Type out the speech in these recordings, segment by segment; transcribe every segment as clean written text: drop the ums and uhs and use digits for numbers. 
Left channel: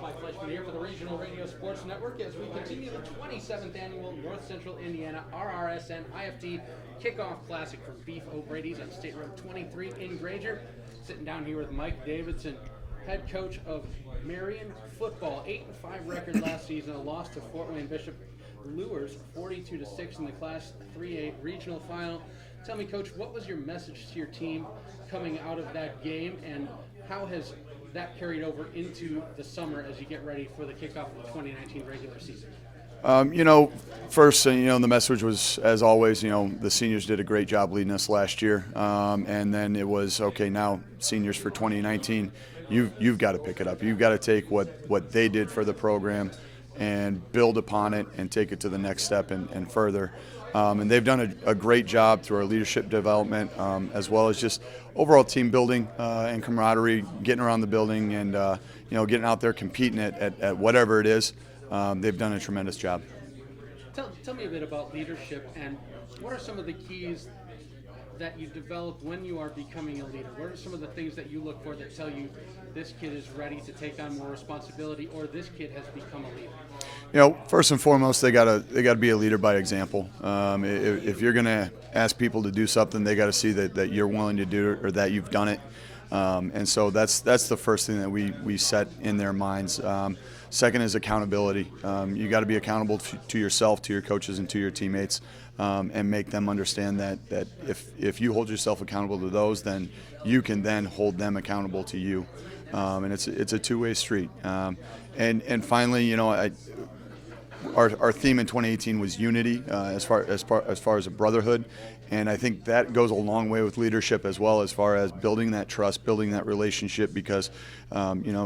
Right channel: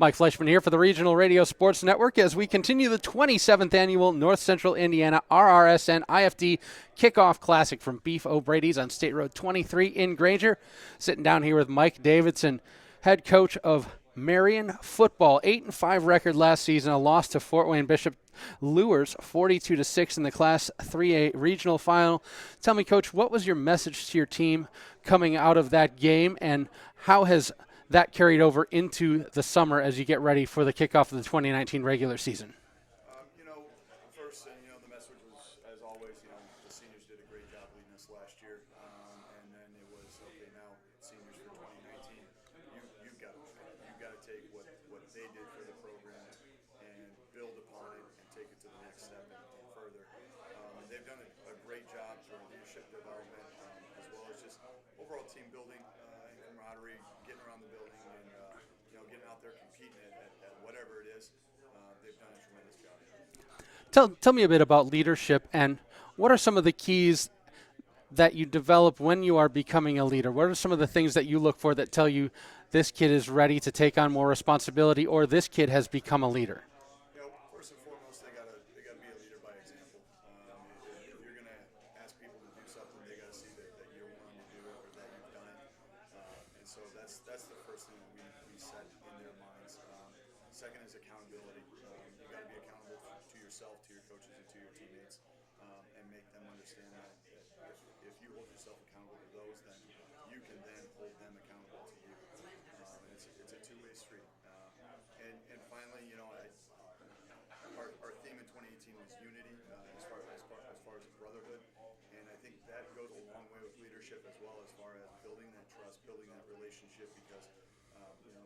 Mike Fleischman here for the Regional Radio Sports Network as we continue the 27th annual North Central Indiana RRSN IFD Kickoff Classic from Beef O'Brady's on State Road 23 in Granger. Sitting down here with Mike Davidson, head coach of Marian football. 8-5 record last season, a loss to Fort Wayne Bishop Lures 42-6 in the Class 3A regional final. Tell me, Coach, what was your message to your team coming out of that game, and how has that carried over into the summer as you get ready for the kickoff of the 2019 regular season? First, the message was, as always, the seniors did a great job leading us last year. And then it was, okay, now seniors for 2019, you've got to pick it up. You've got to take what they did for the program and build upon it and take it to the next step and further. And they've done a great job through our leadership development, as well as just overall team building and camaraderie, getting around the building and getting out there competing at whatever it is. They've done a tremendous job. Tell me a bit about leadership, and what are some of the keys that you develop when you are becoming a leader? What are some of the things that you look for that tell you this kid is ready to take on more responsibility, or this kid has become a leader? First and foremost, they gotta be a leader by example. If you're gonna ask people to do something, they gotta see that you're willing to do it or that you've done it. And so that's the first thing that we set in their minds. Second is accountability. You got to be accountable to yourself, to your coaches, and to your teammates, and make them understand that if you hold yourself accountable to those, then you can then hold them accountable to you. And it's a two-way street. And finally, our theme in 2018 was unity, as far as a brotherhood, and I think that goes a long way with leadership as well, as far as building that trust, building that relationship, because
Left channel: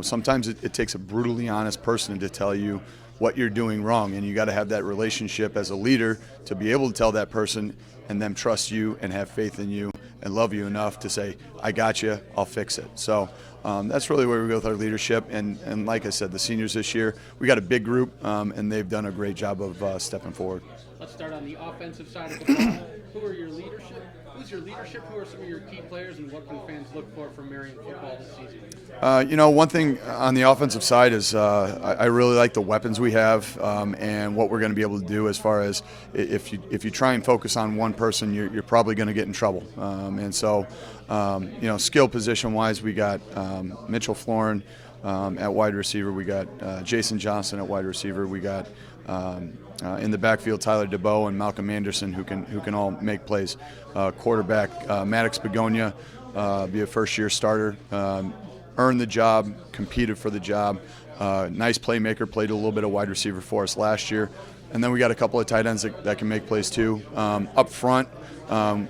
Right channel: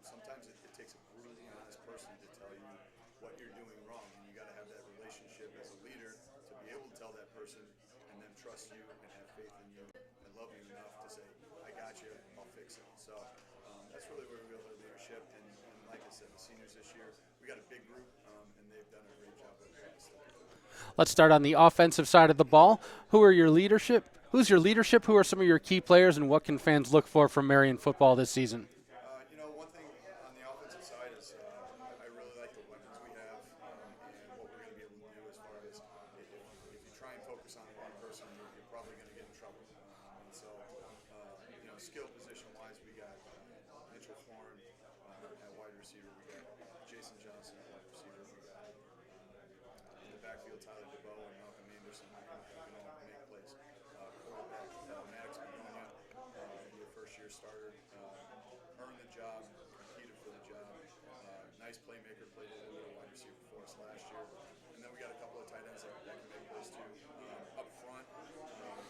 sometimes it takes a brutally honest person to tell you what you're doing wrong, and you got to have that relationship as a leader to be able to tell that person and them trust you and have faith in you and love you enough to say, I got you, I'll fix it. So that's really where we go with our leadership. And like I said, the seniors this year, we got a big group, and they've done a great job of stepping forward. Let's start on the offensive side of the ball. Who's your leadership? Who are some of your key players, and what can fans look for from Marian football this season? One thing on the offensive side is I really like the weapons we have, and what we're going to be able to do as far as if you try and focus on one person, you're probably going to get in trouble. And so, skill position-wise, we got Mitchell Florin at wide receiver. We got Jason Johnson at wide receiver. We got in the backfield Tyler DeBow and Malcolm Anderson who can all make plays. Quarterback Maddox Begonia, be a first-year starter. Earned the job, competed for the job. Nice playmaker, played a little bit of wide receiver for us last year. And then we got a couple of tight ends that can make plays too. Up front,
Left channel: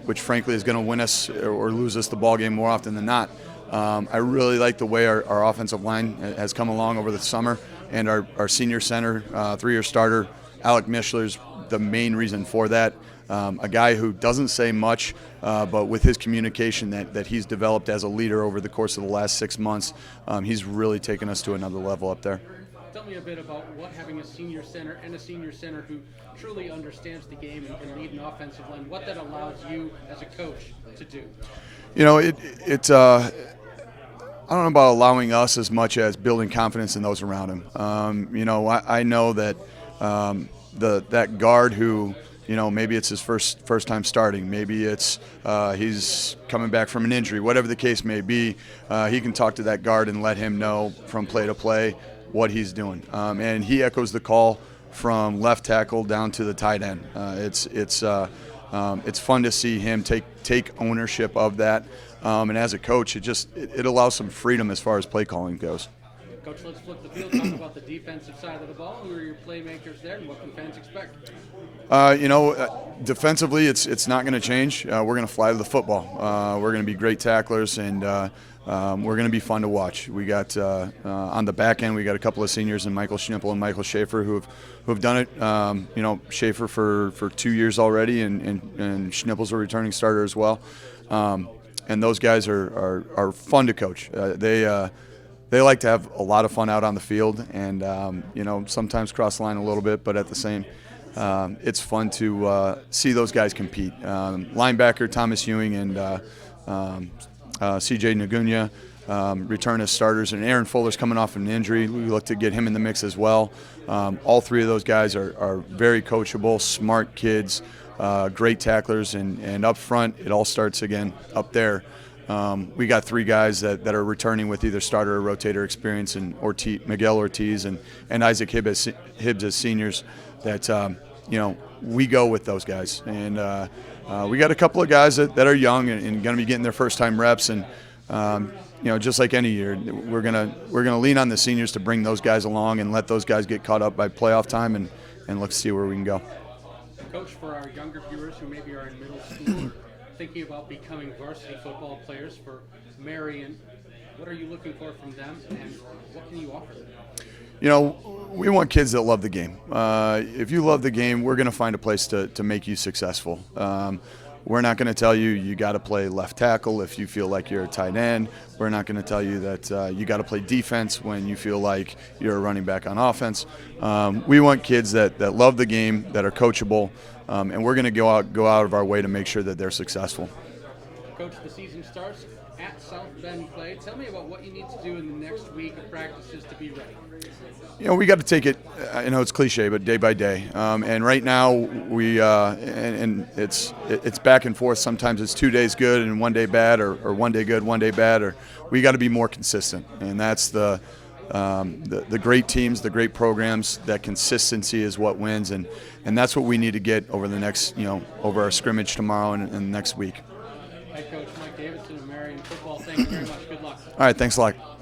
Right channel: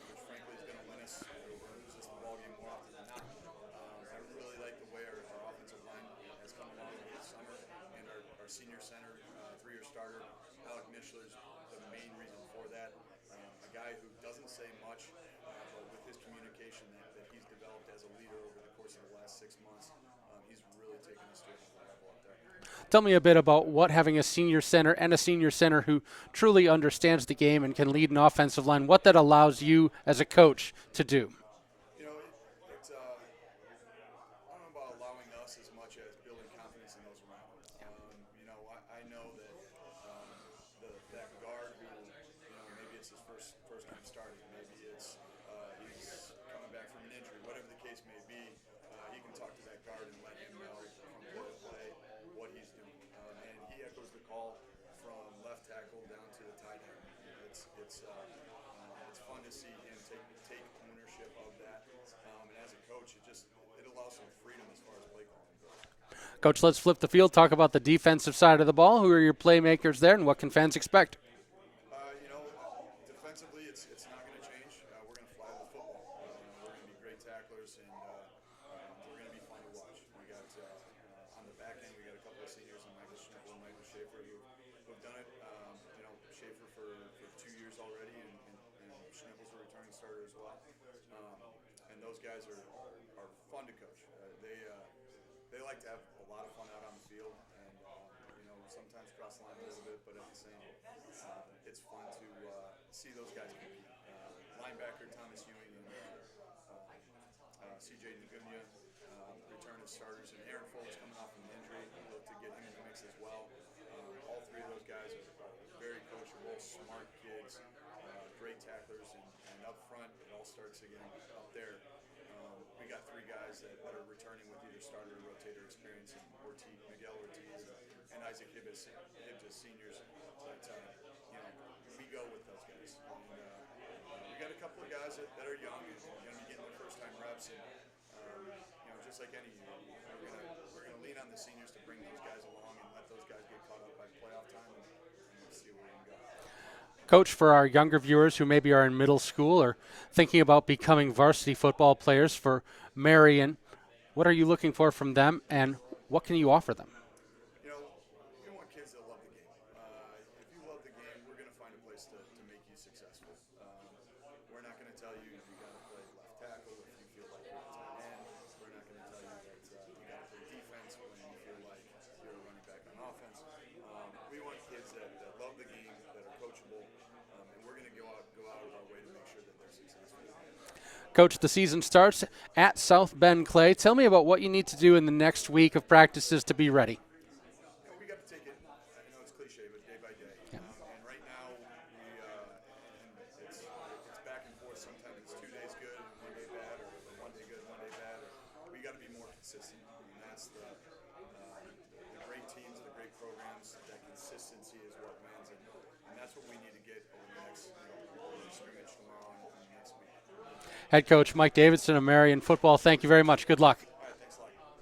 which frankly is going to win us or lose us the ball game more often than not. I really like the way our offensive line has come along over the summer, and our senior center, 3-year starter, Alec Mishler's the main reason for that. A guy who doesn't say much, but with his communication that he's developed as a leader over the course of the last 6 months, he's really taken us to another level up there. Tell me a bit about what having a senior center who truly understands the game and can lead an offensive line, what that allows you as a coach to do. I don't know about allowing us as much as building confidence in those around him. I know that that guard who, maybe it's his first time starting, maybe it's he's coming back from an injury, whatever the case may be, he can talk to that guard and let him know from play to play what he's doing. And he echoes the call from left tackle down to the tight end. It's fun to see him take ownership of that. And as a coach, it allows some freedom as far as play calling goes. Coach, let's flip the field, talk about the defensive side of the ball. Who are your playmakers there, and what can fans expect? Defensively, it's not going to change. We're going to fly to the football. We're going to be great tacklers, and we're going to be fun to watch. We got on the back end, we got a couple of seniors in Michael Schnippel and Michael Schaefer who have done it. Schaefer for 2 years already, and Schnippel's a returning starter as well. And those guys are fun to coach. They like to have a lot of fun out on the field, and sometimes cross the line a little bit, but at the same, it's fun to see those guys compete. Linebacker Thomas Ewing and C.J. Nagunya, return as starters. And Aaron Fuller's coming off an injury. We look to get him in the mix as well. All three of those guys are very coachable, smart kids, great tacklers, and up front, it all starts again up there. We got three guys that are returning with either starter or rotator experience, and Miguel Ortiz and Isaac Hibbs as seniors that, we go with those guys. And we got a couple of guys that are young and going to be getting their first time reps. And, just like any year, we're gonna lean on the seniors to bring those guys along and let those guys get caught up by playoff time and look to see where we can go. Coach, for our younger viewers who maybe are in middle school or thinking about becoming varsity football players for Marian, what are you looking for from them, and what can you offer them? We want kids that love the game. If you love the game, we're going to find a place to make you successful. We're not going to tell you got to play left tackle if you feel like you're a tight end. We're not going to tell you that you got to play defense when you feel like you're a running back on offense. We want kids that love the game, that are coachable, and we're going to go out of our way to make sure that they're successful. Coach, the season starts at South Bend Clay. Tell me about what you need to do in the next week of practices to be ready. We got to take it, I know it's cliche, but day by day. And right now, and it's back and forth. Sometimes it's 2 days good and 1 day bad, or 1 day good, 1 day bad. Or we got to be more consistent. And that's the great teams, the great programs. That consistency is what wins, and that's what we need to get over the next, over our scrimmage tomorrow and next week. Head coach Mike Davidson of Marian football, thank you very much. Good luck. All right, thanks a lot.